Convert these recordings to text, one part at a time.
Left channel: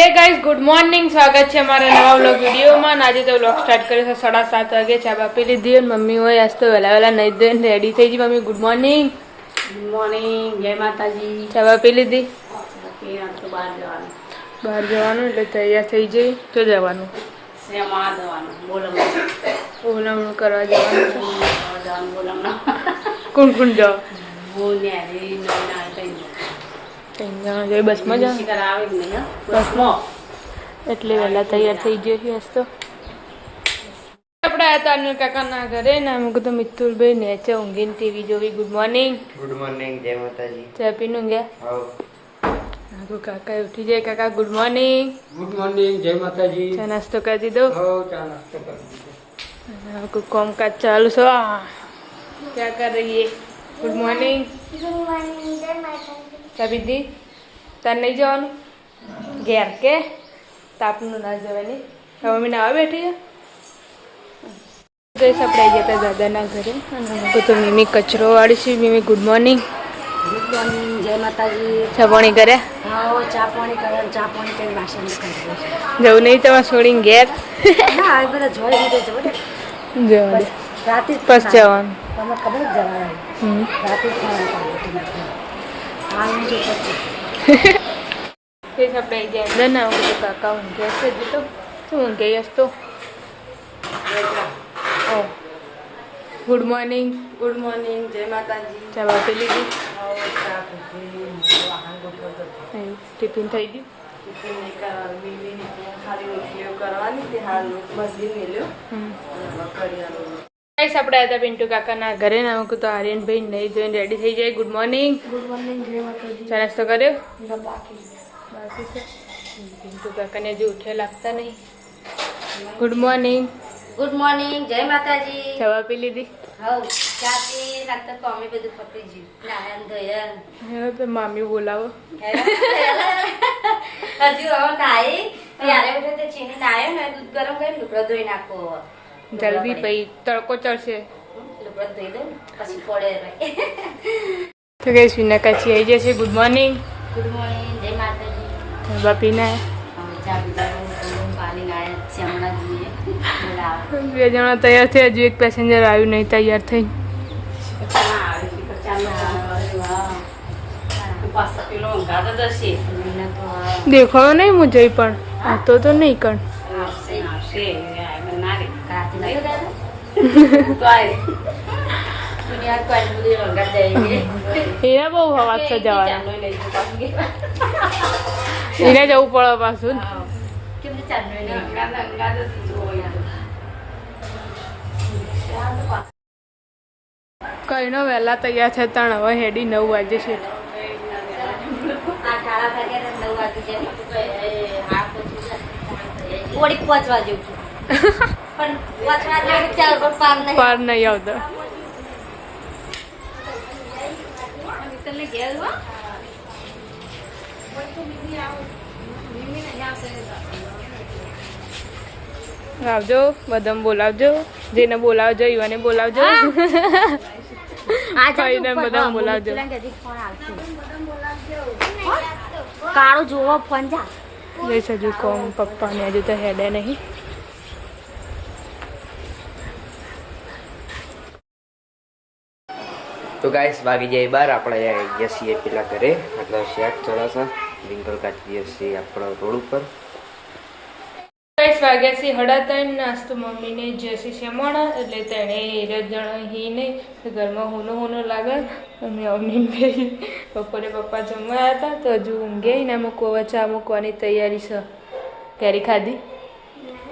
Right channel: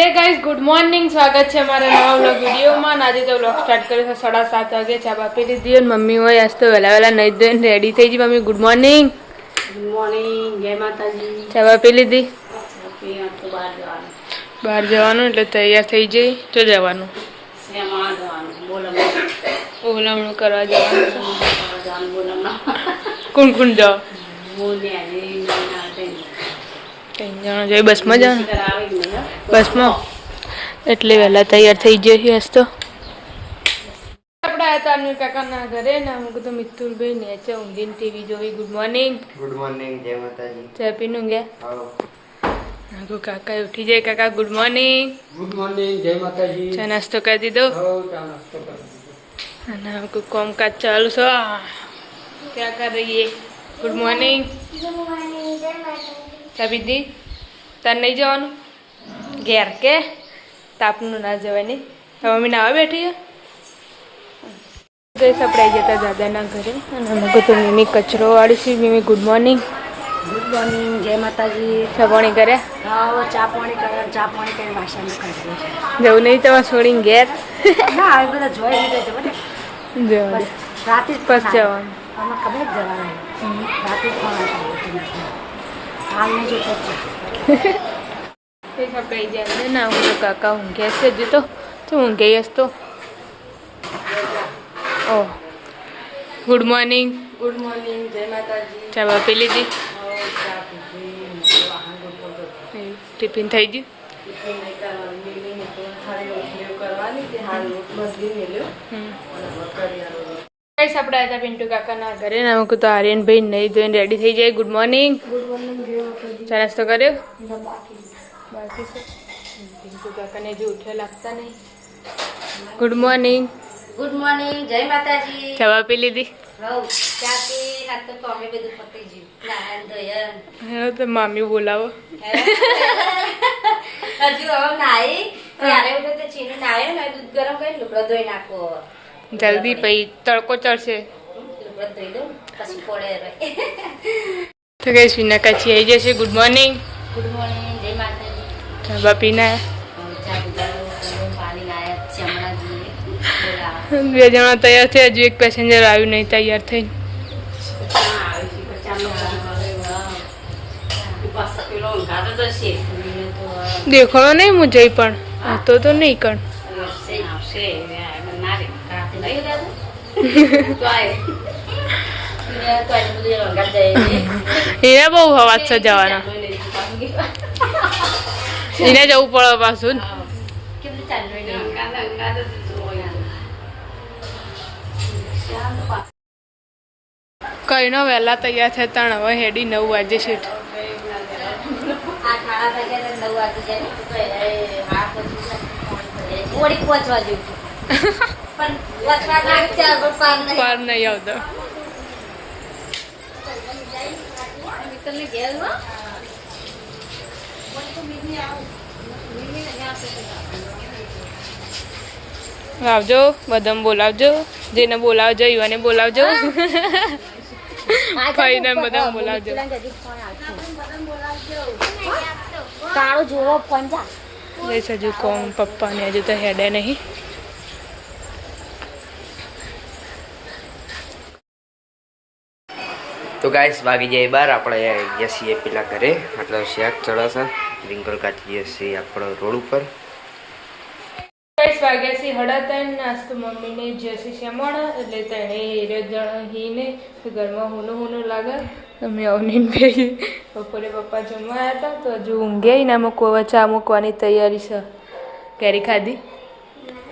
Hey guys good morning स्वागत है हमारे नवा व्लॉग वीडियो में। आज तो व्लॉग स्टार्ट करे 7:30 वागे चा बापी लीधी और मम्मी हो आज तो वेला वेला नहीं धोई रेडी थी। Mummy good morning. Good morning, जय माताजी। चा बापी लीधी तो बहार जवानुं એટલે તૈયાર થઈ જઈ તો જવાનું સેમાં જવાનું બોલમણા બોલમણું કરવા જવાનું છે। જવાનું બોલમણા કોણ કોણ જાવ? હું ને આવી ના કઈ ત્રણ જણા જઈ બસમાં જા કરાવે નહીં હો બસમાં એટલે વહેલા તૈયાર થઈ જઈએ આજ તો આપણે આ તાનુ કાકાના ઘરે ને એમ કીધું મિતુલભાઈ નેચે ઊંઘીને ટીવી જોઈ। ગુડ મોર્નિંગ जय माताजी। ચા પીનું ગયા આગો કાકા ઉઠી જાય। કાકા ગુડ મોર્નિંગ। गुड मॉर्निंग, जय माताजी। ચા નાસ્તો કરી દીધો चा नाश्ता कर दीजिए। અને કોઈ કામકાજ ચાલુ છે। क्या कर रही है? Good morning. ચા પીધી? તાર નહીં જવાનું ઘેર કે તાપનું ના જવાય નહીં? મમ્મી નાવા બેઠી છે ગઈ આપણે આવી જતા દાદાના ઘરે અને મેં કીધું મીમી કચરો વાળી છે। મીમી ગુડ મોર્નિંગ। ગુડ મોર્નિંગ, જય માતાજી। ચા પાણી કર્યા? હા ચા પાણી કરીને વાસણ કરી જવું નહીં તમારે છોડીને ઘેર? ના આવી બધા જોઈ લીધે છે બધે જવા રાતે જ બસ જવાનું તમને ખબર જ જવાનું રાતે જ પણ હાલનું જો પછી આપણે આવી જાય અંદર ના હું તો કાકા ઊંઘ્યા છે હજુ તો તું ઊંઘી હશ તો ઓહ ગુડ મોર્નિંગ। ગુડ મોર્નિંગ, જય માતાજી। ચા બાપી લીધી? ચા પીધી, વાહન ગોઠવ ટિફિન થઈ ગયું? ગાઈસ આપણે હતા પિન્ટુ કાકાના ઘરે ને અમે કીધું આર્યનભાઈ નહીં ધોઈને રેડી થઈ જાય। Good morning. ગુડ મોર્નિંગ, જય માતાજી। ચા નાસ્તો કર્યો? બાકી છે પિન્ટુ કાકાને હજી ઉઠ્યા લાગતા નહીં। Good morning. ગુડ મોર્નિંગ, જય માતાજી। ચા બાપી લીધી? હવ ચાથી રાત તો અમે બધું પતી ગયું નારાયણ ધોયન હા તો મામી બોલાવો। હજુ હવે નાઈ ત્યારે ઉઠે તે ચીની નાયો ને દૂધ ગરમ કરીને લુગડો ધોઈ નાખો જલ્દી પછી તડકો ચડશે લુગડો ધોઈ દઉં પછી પડે રહે। તો કઈ વિના કાચી આવી જશે। Good morning. ગુડ મોર્નિંગ, જય માતાજી। ચા બાપી ના ચા પીધા પાણી લાયા શ્યામલા જઈએ બોલાવા બે જણા તૈયાર થયા હજુ એક પેસેન્જર આવ્યું નહીં તૈયાર થઈને દેખાણો નહીં હું જઈ પણ તો નહીં કણ એને બહુ હવા છે જવાના એને જવું પડે પાછું કઈ નો વહેલા તૈયાર થતા હવે હેડી 9 વાગે છે। પાર નહીં આવતો આવજો બધાને બોલાવજો જેને બોલાવજો યુવાને બોલાવજો કઈને બધા બોલાવજો। કાળો જોવો પંજા બસ હજુ કોમ પપ્પાને હજુ તો હેડે નહીં। तो गाइस बागी जाए बार આપણે ગયા છીએ પેલા ઘરે मतलब શાક ચડાસા વિંકલ કાચી છે આપણો રોડ ઉપર। ગાઈસ વાગ્યા છે 3:30 નાસ્તો મમ્મીને જશે શેમણા એટલે તેણે જણ હીને ઘરમાં હોનું લાગે અમે આવની બે બપોરે પપ્પા જમવા હતા તો હજુ ઊંઘ્યા ને મૂકવા ચા મૂકવાની તૈયારી છે। કેરી ખાધી?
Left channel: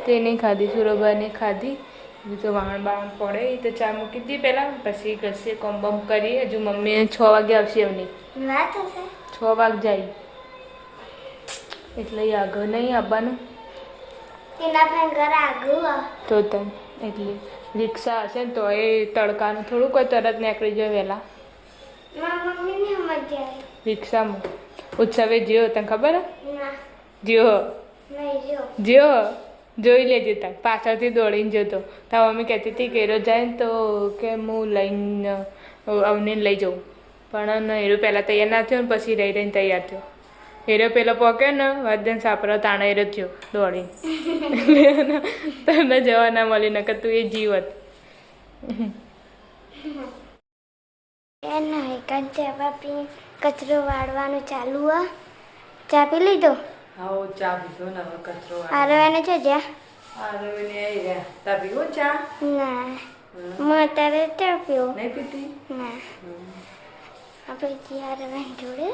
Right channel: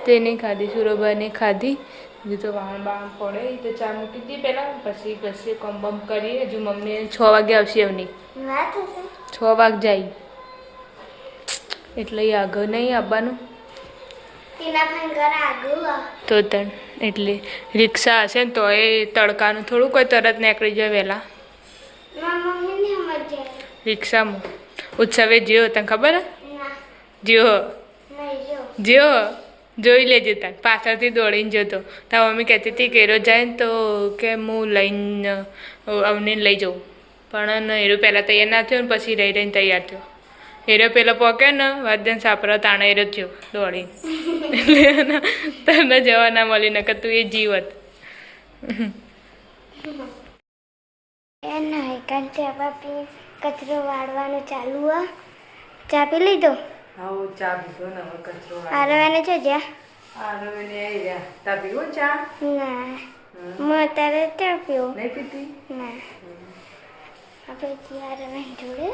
તે નહીં ખાધી, સુરભાને ખાધી હજુ તો વાહણ બામ પડે તો ચા મૂકી હતી પહેલાં પછી ઘસે કોમ બમ કરીએ। હજુ મમ્મી 6 વાગે આવશે એમની 6 વાગે જાય એટલે આગળ નહીં આવવાનું તો તણ એટલે રિક્ષા હશે ને તો એ તડકાનું થોડું કોઈ તરત નીકળી જાય વહેલા રિક્ષામાં। ઉત્સવે જ્યો તને ખબર હે? જ્યો જ્યો જોઈ લેજે તાર પાછળથી દોડીને જતો તાર મમ્મી કહેતી હતી કે એરો જાય ને તો કે હું લઈને અવને લઈ જાઉં પણ એરો પહેલાં તૈયાર ના થયો ને પછી રહીને તૈયાર થયો હેરો પેલો પોકે ને વાદ્યન સાપરા તાણા હેરો થયો દોડી એટલે તને જવા ના મળી નકર તું એ જીવત નહીં કંચા બાપી કચરો વાળવાનું ચાલુ આ ચા પી લીધો આવો ચા પીધો ને હવે કચરો આરવાને છે જ્યાં આરવાની આવી ગયા તા પીવો ચા ના હું અત્યારે ચા પીવો નહીં પીતી ના આપણે ત્યાં આરવાની જોડે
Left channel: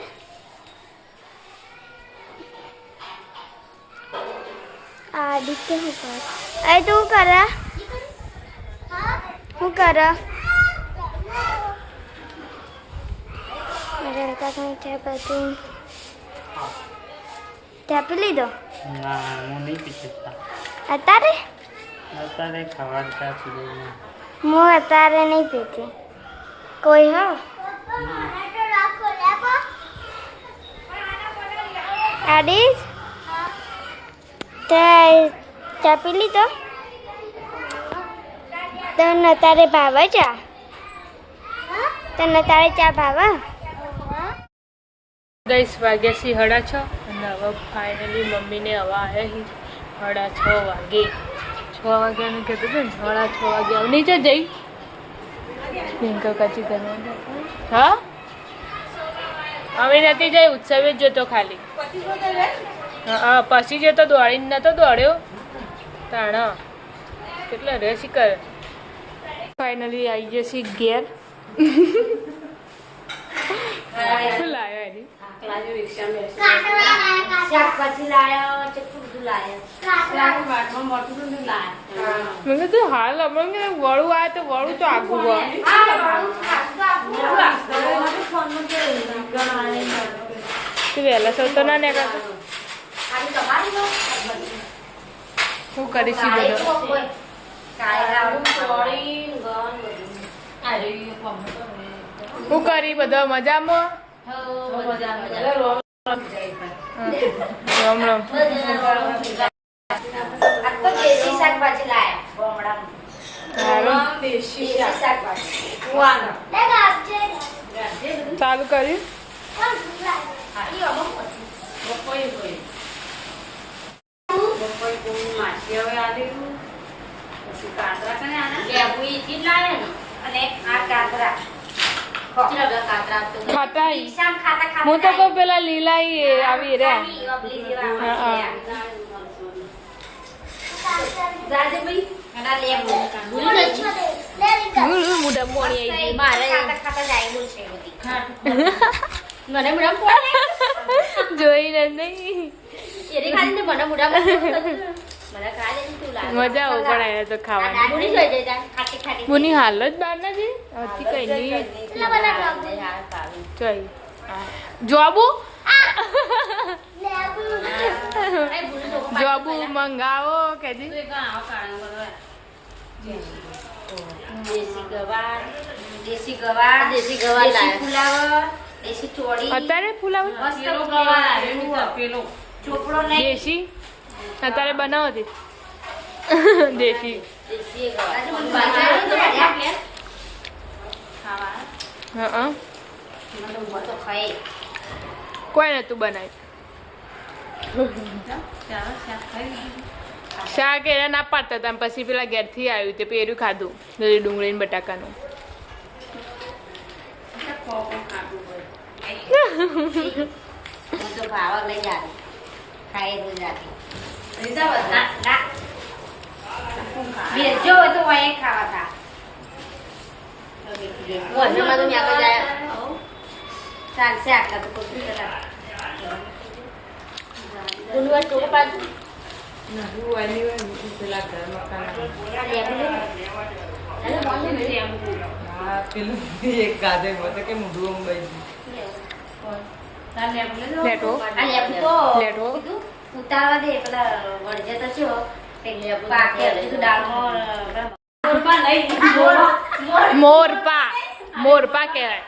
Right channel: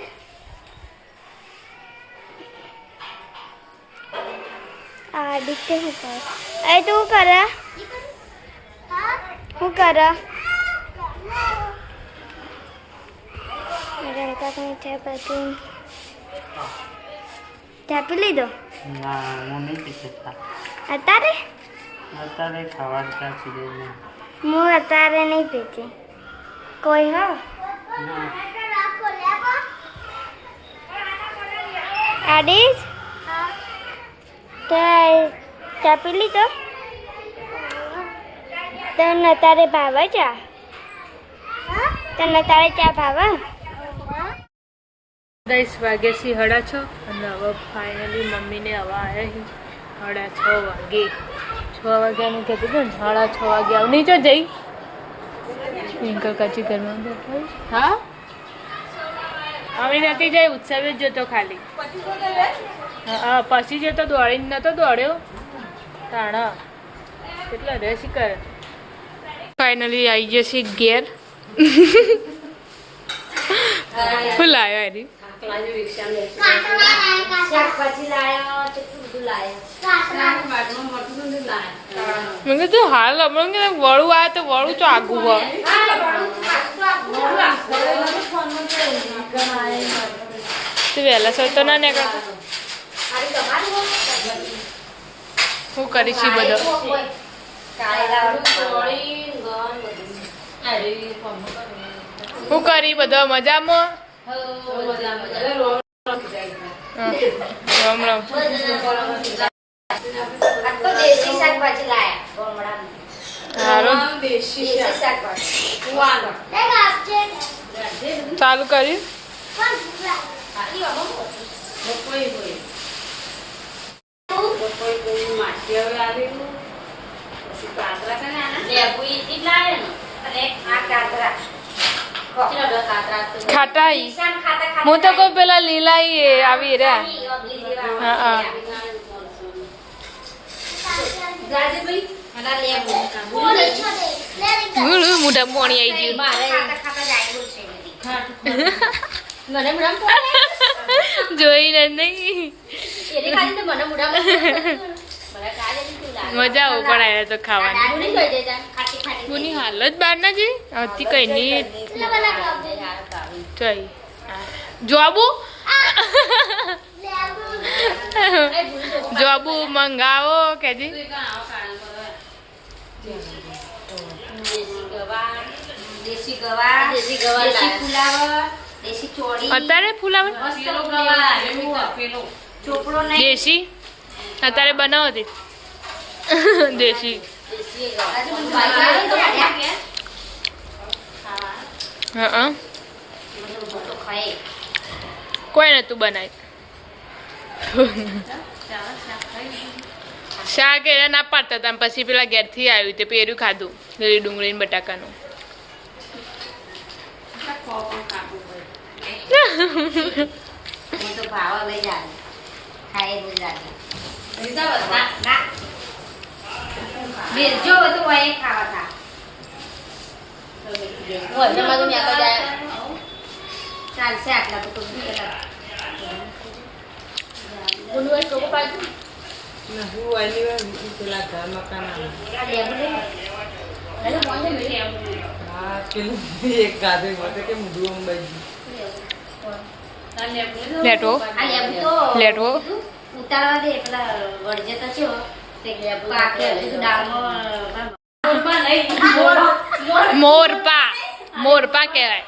આદિત્ય શું કર અરે તું શું કર રડકા કઈ ચા બધું ચા પી લીધો ના હું નહીં પીતો ચા અત્યારે અત્યારે ખાવા ચા પી લઈને હું અત્યારે નહીં પીતી કોઈ હો આડીશ તે ચા પી લીધો તને તારે ભાવે ચા તને તારે ચા ભાવે 10 વાગ્યા સી 6:30 અને હવે ફાઇનલી મમ્મીને હવા આવ્યા 6:30 વાગે 6 વાગ્યાનું કહેતું હતું ને 6:30 વાગે આવ નહીં જઈ ટ્વિંકલ કાચી ઘરમાં હા હવે નથી જઈ ઉત્સવ જ જતો ખાલી હા પછી જતો દોડીને નતો દોડ્યો તાણા કેટલા રેસી કરે ફાઇનલી આવી જશે ઘેર શું લાવ્યો એની શાકભાજી લાયો ચટુ બધું લાયો મેં કીધું હાલ હમણાં કે વળું આવે તો વળું તો આગું હોય તો વહેલા સર તો ના નીકળતો શું કરીશ ઈ બધો શું કરી બધો મજામાં રામ રામ સારું ચાલુ કર્યું ખાટા હું તો કહું પેલા લીલા આવી રહ્યા હા હા મોટા મોણી આવી ગયું જોઈને નહીં મજા આવું પણ આવ્યા તો ખાવાની બોની હાલત બહાર ના જઈ હતી કઈ નહીં ચઈ જોબુ જોબુ મંગાવો કેજી દેશી ગવાર દેશી ફુલાવર દેશી ચોળી અત્યારે ફુલાવર ચોપડો દેશી અત્યારે બનાવો હતી દેશી હા કોઈ નતું બનાવી શાક એના ના પાડતા હતા પછી પેલા ઘેરથી આવ્યું તે પેર્યું ખાધું ડુંગળી ને બટાકાનું તો ભાવ લઈ જાય ખાઈ રોજ રાતે વેચજો હોય તો વહી ખાવા થા ચાલશે આટલા તો કોઈ લેટો લેટો ઉતારવા દે પેલા વળજે તો છો પાકે હજુ તો દાળમાં મોરપા મોરપા કહેવાય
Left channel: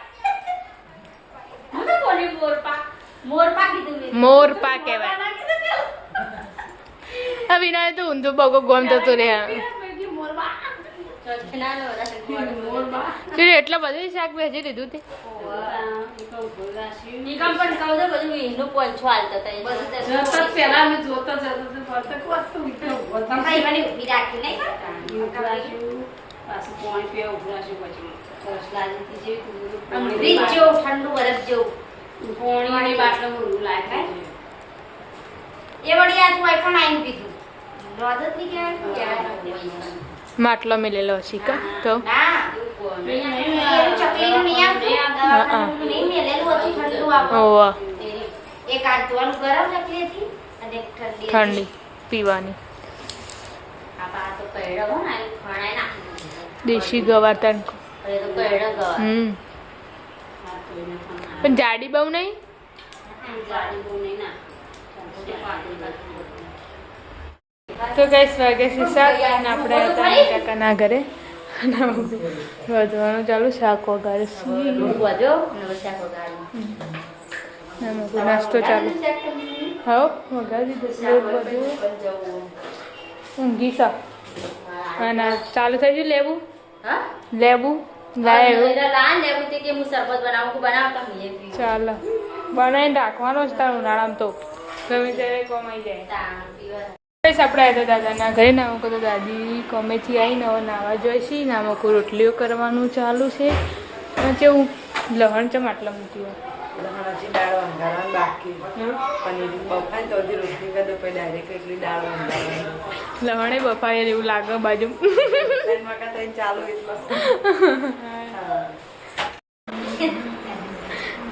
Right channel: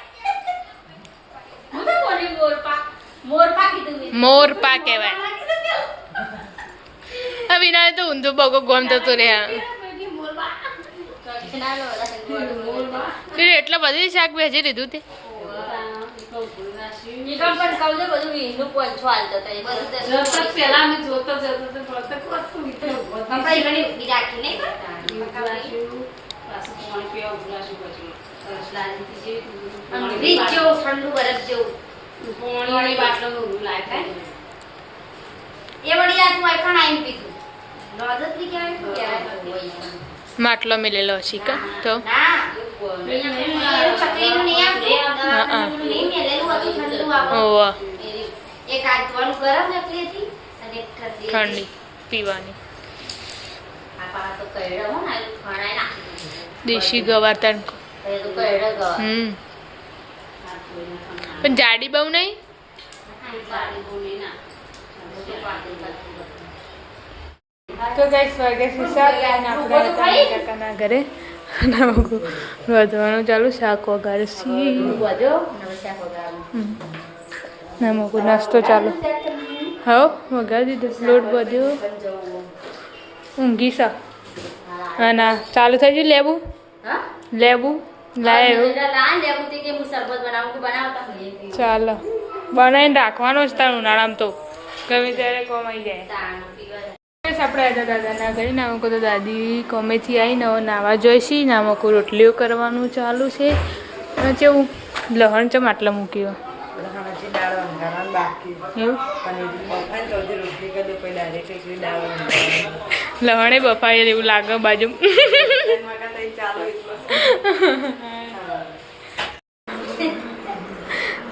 મોરપા કહેવાય વિના તો ઊંધું બગો ગોમ થતું રે તું એટલા બધી શાક ભેજી લીધું તે ઠંડુ બરફ જેવું પોણી બાટલો ઊંધું લાગે એ વળી આ તું આઈફોન આઈને પીધું નોદત ની કહેવાય માટલો મેલેલો હશે કા તો ના ચકલીનું નહીં આવતું નહીં મેલેલું હતું ઠંડુ આપણે ઓવા એક આંતવાનું ગરમ ચકલી હતી અને એક ઠંડી પીવાની આ પા તો કઈડા હો ને ખણાય નાખી દેશી ગવાર તણકો તો કઈડા ગવા પણ જાડી બહુ નહીં તો ગાઈસ વાગ્યા છે 7 અને આપણે હતા કાકાના ઘરે વધવાનું ચાલુ શાક વગાડે છે મગુ નાસ્તો ચાલુ હા વગાડી દીધો લોટ બધ્યો ઊંઘી સા ના ચાલુ થઈ ગયું લેવું લાવ્યું ચાલો બનાવીને રાખવાનો જ તાર ઉનાળામાં તો ગમે ત્યારે કોમાઈ જાય આપણે હતા દાદાના ઘરે નામકો તો દાદી કોમેથી આવીને નાવા જોઈશી નામકો રોટલીઓ કરવાનું ચાલુ છે અને કેવું લહણ ચમ આટલા મૂક્યું લહણે બફાયેલ એવું લાગે બાજુ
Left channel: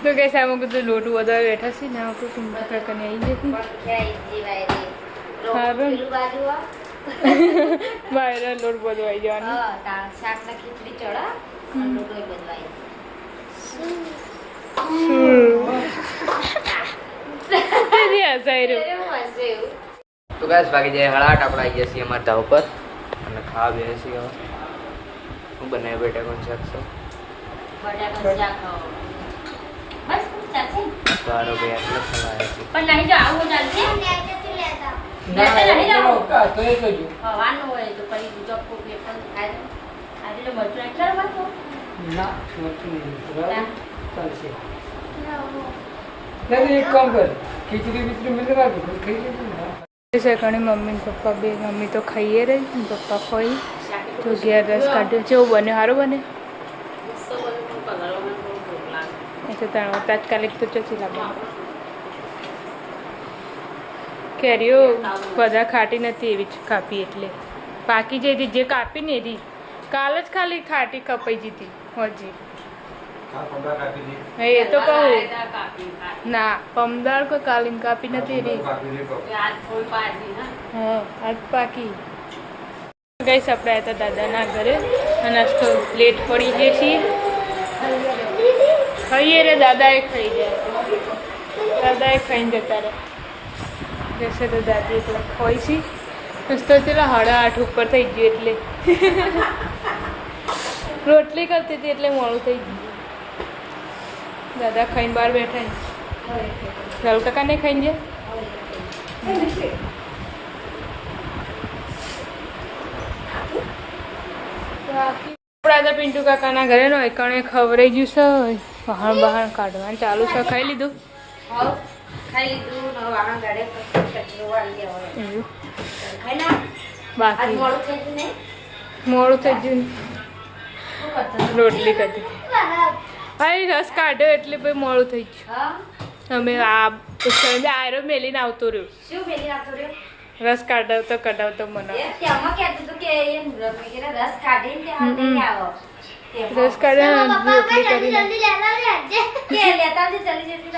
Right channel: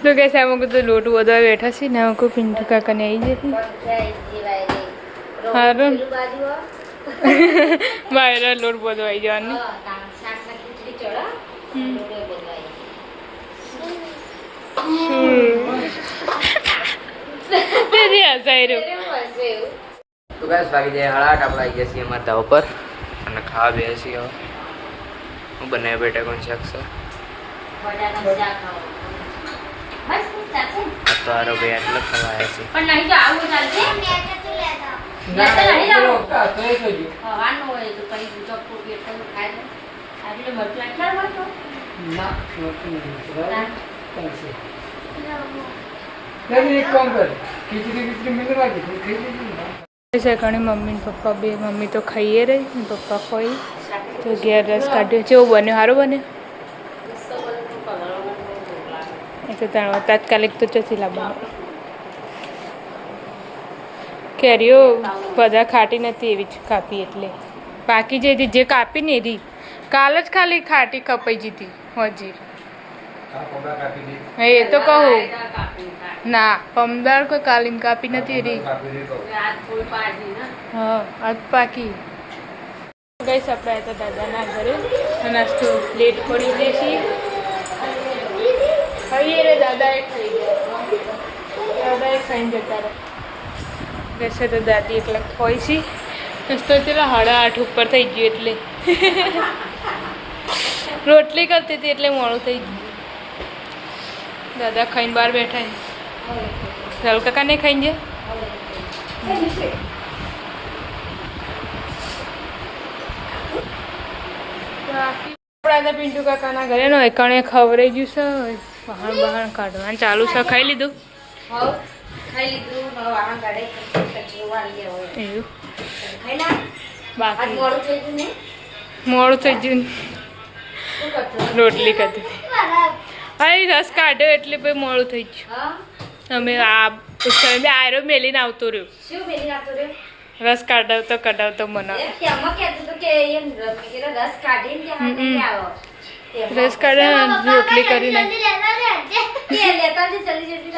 તો કે સામો તો લોટ વધવા બેઠા છે ને કોઈ પિન્ટુ કાકાને આવી જશે સારું બહાર લોટ બધો આવી જવાનું તો ગાઈસ વાગી જાય 8:30 આપણે આવી ગયા છીએ અમારા ધાવ પર અને ખાવા બેસી છીએ હવે હું બનાવી બેટા કોણ શાક છે તો આરો ભાઈ આટલો ખવાયા છે પણ નહીં જો આવું ચાલશે હવાનું હોય તો કઈ બીજો પેટ પણ ખાય આજે મરચું નાખ્યા હોય તો ના ચાલશે નહીં એક કામ કર ખીચડી મેળવા દે ખાઈ લેજો છે ઘણી મમ્મી ને પપ્પા બે મમ્મી તો ખાઈએ રહી ને પપ્પા ખોઈ તો ઘેર રસ કાઢ્યો કેવું બન્યો સારું બને એ તો તાત્કાલિક તો ચોથી લાવવાનું કેરીઓ બધા ખાટી નથી એવી જ કાપી એટલે પાકી જઈ હતી જે કાપી ને એરી કાલ જ ખાલી ખાટી કપાઈ જતી હજી એ તો કહું ના પમદાર કોઈ કાલીન કાપી નથી એરી હા આજ પાકી ગઈશ આપણે હતા દાદાના ઘરે નાસ્તો લેટ પડી ગયા છીએ ખાઈએ રે દાદાએ ખાઈ ગયા દાદાએ ખાઈને જતા રહે જશે તો દાદી એટલે ખોઈ છી નાસ્તો પેલા 8:30 ઉપર થઈ ગયું એટલે રોટલી કરતી હતી એટલે મોડું થઈ ગયું દાદા ખાઈને બહાર બેઠા રાહુલ કાકા નહીં ખાઈને ગયા બાકી આપણા પિન્ટુ કાકાના ઘરે નો એકણે ખવડાઈ ગયું છે બહાર કાઢવાનું ચાલુ છે ખાઈ લીધું ખાઈ લીધું હવે વાહન ગાડે કચરો વાળી દેવો એવું ખાઈ લા આજ બાકી મોડું થઈ ગયું ને મોડું થઈ ગયું રોટલી કરતી અરે રસ કાઢ્યો એટલે પછી મોડું થઈ ગયું હા અમે આ આયરો મેલીને આવતો રહ્યો શું બેલી રાખતો રે રસ કઢાવતો મને કે અમ્મા કહેતું હતું કે એમ રસ કાઢીને કે હા નહીં આવો રસ કાઢે રોટલી કરીને કે લેતા જલ્દી જલ્દી